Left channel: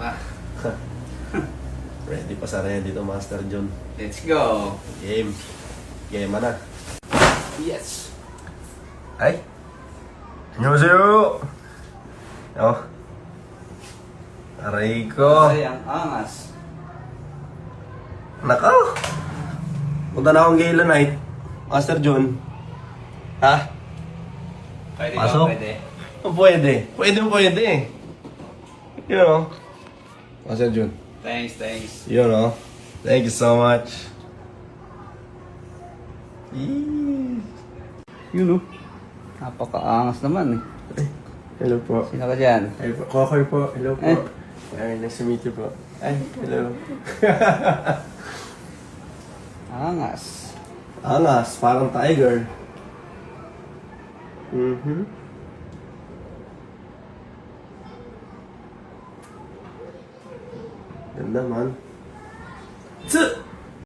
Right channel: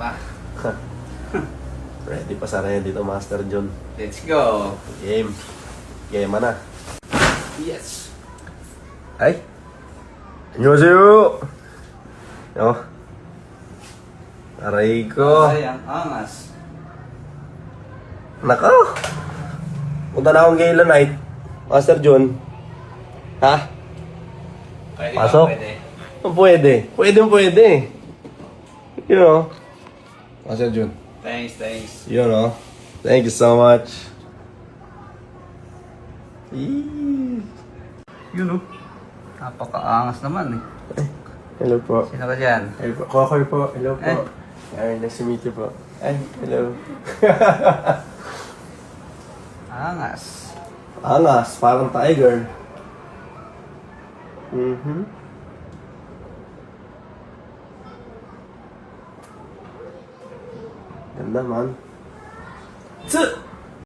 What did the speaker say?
ba? Ready pa sa rin dito, Master John. Let's go! Game. Game na. Yes! Ay! Annyeonghaseyo! Oh. Aray ko. Ay, ang angas. Nako! Punta na akong Gala Night. Master John. Ha? Pwede Pasok? pwede. Oh, pwede. Pwede. Yun o. Master John. Thanks. Yun o. Thank you so much. Eee. Yun o. Napaka-angas naman eh. Hello po. Sino ka dyan? Hello po. Kokoy po. Hello po. Ay, nice to meet you po. Ay, hello. Angas. Angas, parang tiger. Ganda man. Tsu!